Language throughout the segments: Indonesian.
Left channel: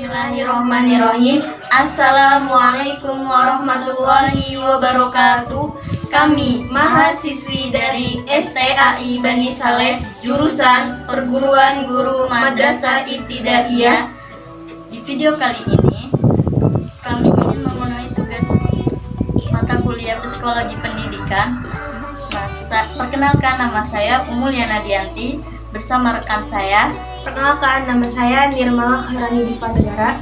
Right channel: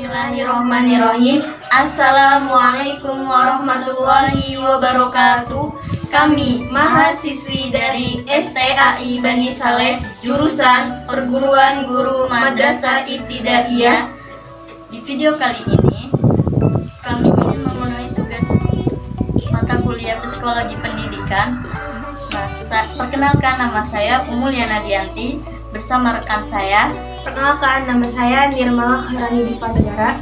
Bismillahirrahmanirrahim. Assalamualaikum warahmatullahi wabarakatuh. Kami mahasiswi dari STAI Bani Saleh, jurusan Perguruan Guru Madrasah Ibtidaiyah. Di video kali ini, kami ingin memenuhi tugas mata kuliah Psikologi Pendidikan. Perkenalkan, nama saya Umuliana Dianti bersama rekan saya. Perkenalkan, nama saya Nirmala Khairani Diva Negara.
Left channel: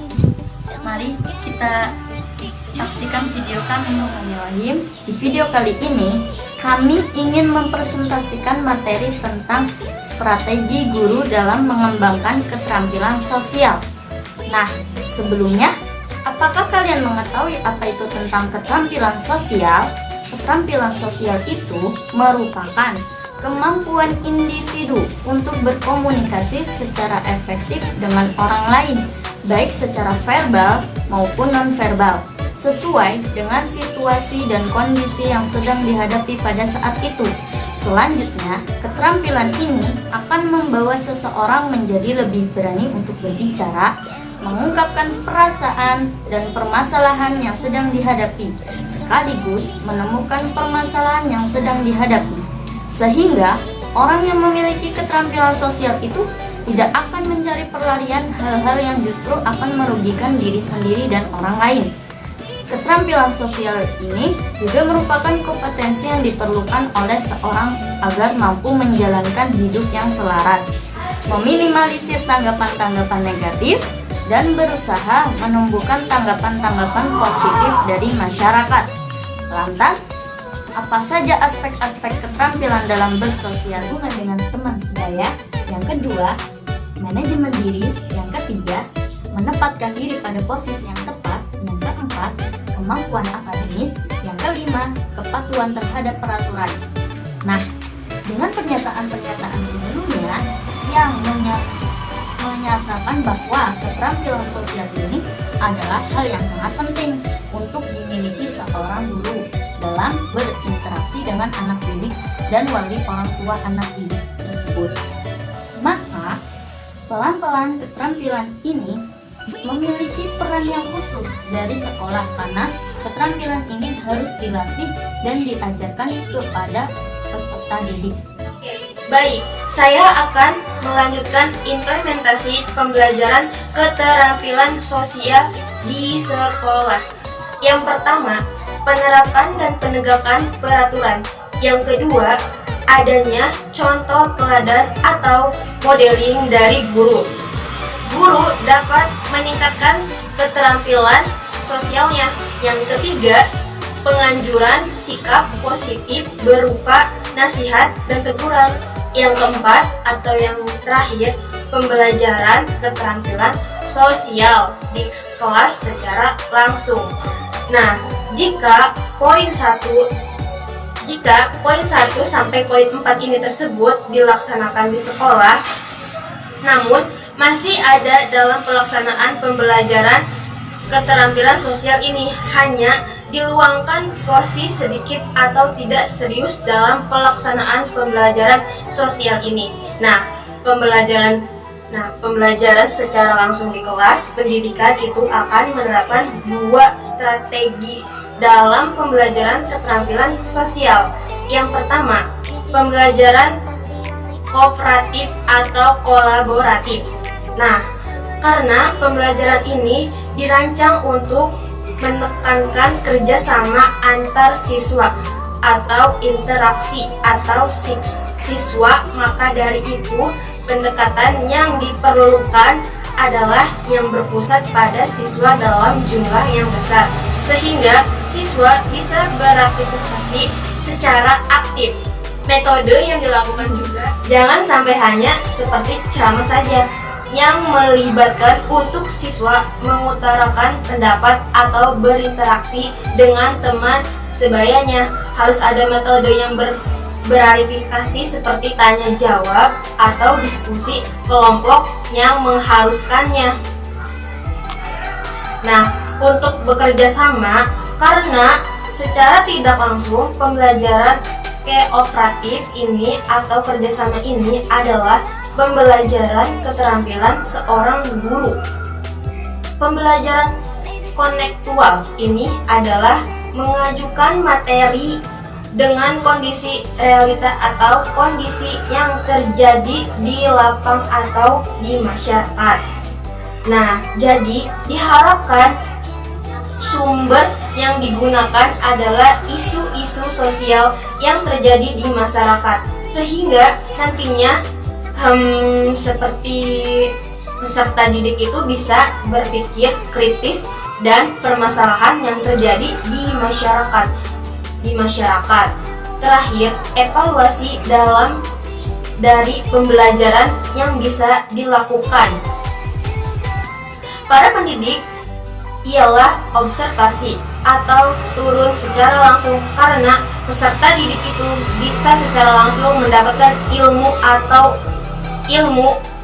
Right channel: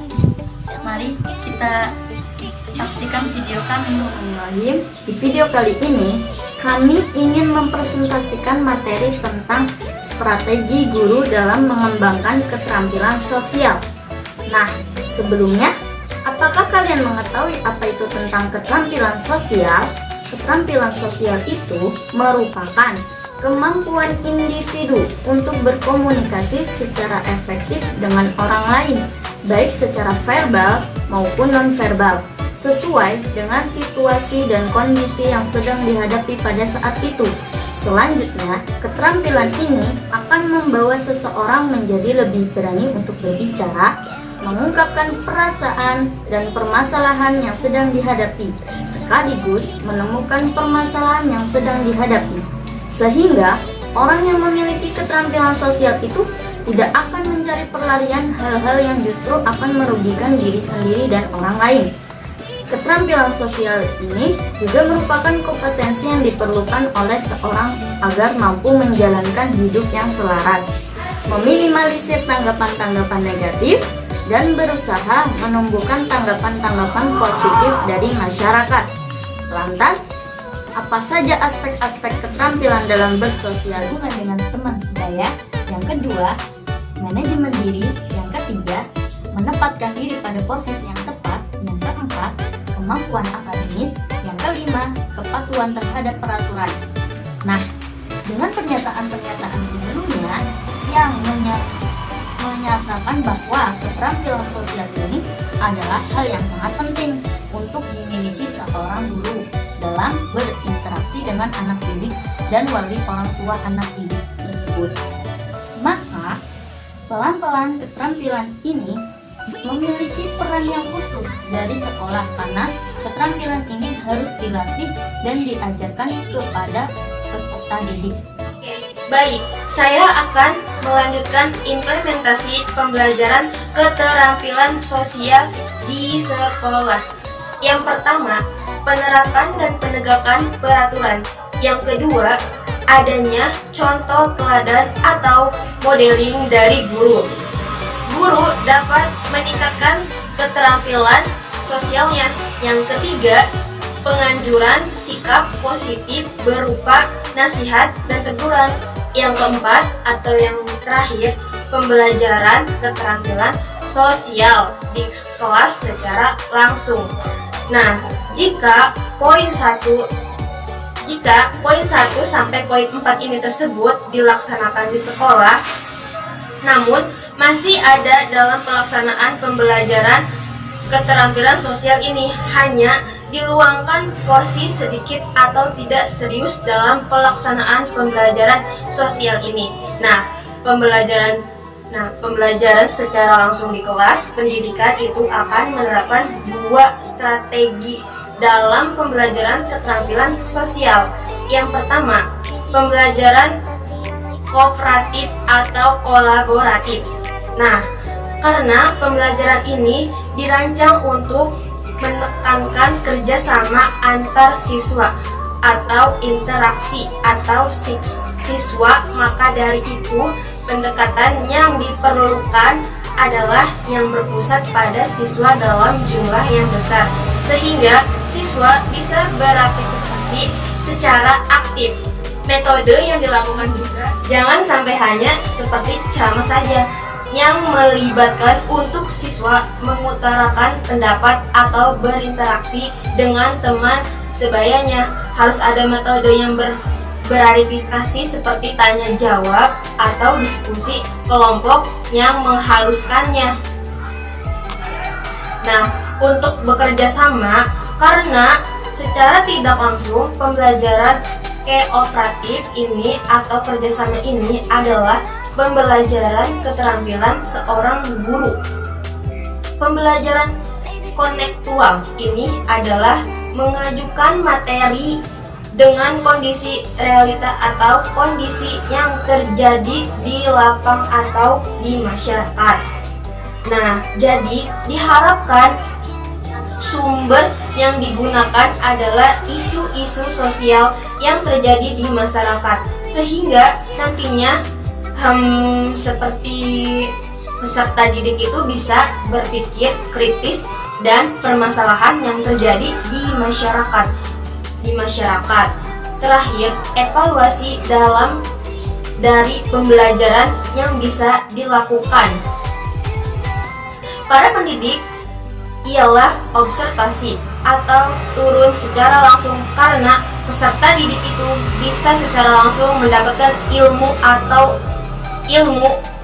Mari kita saksikan video kami. Di video kali ini, kami ingin mempresentasikan materi tentang strategi guru dalam mengembangkan keterampilan sosial. Nah, sebelumnya, apakah kalian mengetahui apa itu tentang keterampilan sosial? Keterampilan sosial itu merupakan kemampuan individu untuk berkomunikasi secara efektif dengan orang lain, baik secara verbal maupun nonverbal, sesuai dengan situasi dan kondisi yang sedang dihadapi pada saat itu. Selanjutnya, keterampilan ini akan membawa seseorang menjadi lebih berani untuk berbicara, mengungkapkan perasaan dan permasalahan yang sedang dihadapi, sekaligus menemukan permasalahan yang sedang dihadapi. Sehingga orang yang memiliki keterampilan sosial itu tidak akan mencari perlarian hal-hal yang justru akan merugikan diri sendiri dan orang lain. Keterampilan sosial ini juga merupakan kompetensi yang diperlukan oleh seorang agar mampu menjalankan hidup yang selaras, meminimalisir tanggapan-tanggapan negatif, dan berusaha menumbuhkan tanggapan-tanggapan positif dari masyarakat. Lantas, apa saja aspek-aspek keterampilan dalam bersosial hubungan dengan teman sebaya? Yang kedua, manajemen diri. Yang ketiga, menempatkan diri pada posisi yang tepat. Yang keempat, kemampuan akademis. Yang kelima, kepatuhan terhadap peraturan. Nah, dengan pernyataan-pernyataan sebelumnya yang menyatakan bahwa keterampilan sosial ini adalah hal yang sangat penting untuk dimiliki seorang guru dalam berinteraksi dengan anak didik dan wali orang tua anak didik tersebut. Maka, pelan-pelan keterampilan ini memiliki peran yang khusus dari sekolah karena keterampilan ini harus dilatih dan diajarkan kepada peserta didik. Baik, saya akan melanjutkan implementasi pembelajaran keterampilan sosial di sekolah. Yang pertama, penerapan dan penegakan peraturan. Yang kedua, adanya contoh teladan atau modeling dari guru. Guru dapat meningkatkan keterampilan sosialnya. Yang ketiga, penganjuran sikap positif berupa nasihat dan teguran. Yang keempat atau yang terakhir, pembelajaran keterampilan sosial di kelas secara langsung. Nah, jika poin 1 sampai poin 4 ini tersebut dilaksanakan di sekolah, namun masih ada dalam pelaksanaan pembelajaran keterampilan sosial ini, hanya diluangkan porsi sedikit atau tidak serius dalam pelaksanaan pembelajaran sosial ini. Pembelajaran secara langsung di kelas pendidikan itu akan menerapkan dua strategi dalam pembelajaran keterampilan sosial. Yang pertama, pembelajaran kooperatif atau kolaboratif. Karena pembelajaran ini dirancang untuk menekankan kerjasama antar siswa atau interaksi atau siswa, maka dari itu pendekatan yang diperlukan adalah yang berpusat pada siswa dalam jumlah yang besar, sehingga siswa bisa beraktivitas secara aktif. Metode yang dilakukan juga jangan sampai hanya seperti ceramah saja, yang melibatkan untuk siswa mengutarakan pendapat atau berinteraksi dengan teman sebayanya. Harus ada metode yang berverifikasi seperti tanya jawab atau diskusi kelompok yang mengharuskannya. Untuk bekerja sama, karena secara tidak langsung pembelajaran kooperatif ini atau kerjasama ini adalah pembelajaran keterampilan seorang guru. Pembelajaran kontekstual ini adalah mengajukan materi dengan kondisi realita atau kondisi yang terjadi di lapang atau di masyarakat. Nah, jadi diharapkan sumber yang digunakan adalah isu-isu sosial yang terjadi di masyarakat, sehingga nantinya seperti peserta didik itu bisa berpikir kritis dan permasalahan yang terjadi di masyarakat. Terakhir, evaluasi dari pembelajaran yang bisa dilakukan. Para pendidik ialah observasi atau turun secara langsung, karena peserta didik itu bisa secara langsung mendapatkan ilmu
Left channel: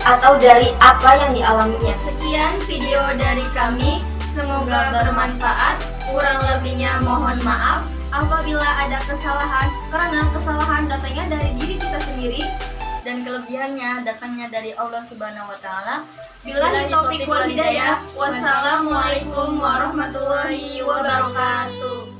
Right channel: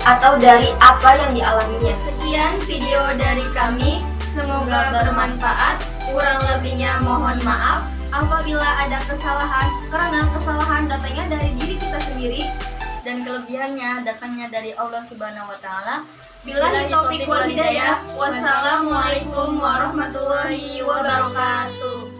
atau dari apa yang dialaminya. Sekian video dari kami, semoga bermanfaat. Kurang lebihnya mohon maaf apabila ada kesalahan, karena kesalahan datangnya dari diri kita sendiri dan kelebihannya datangnya dari Allah Subhanahu wa taala. Billahi taufiq wal hidayah. Wassalamualaikum warahmatullahi wabarakatuh.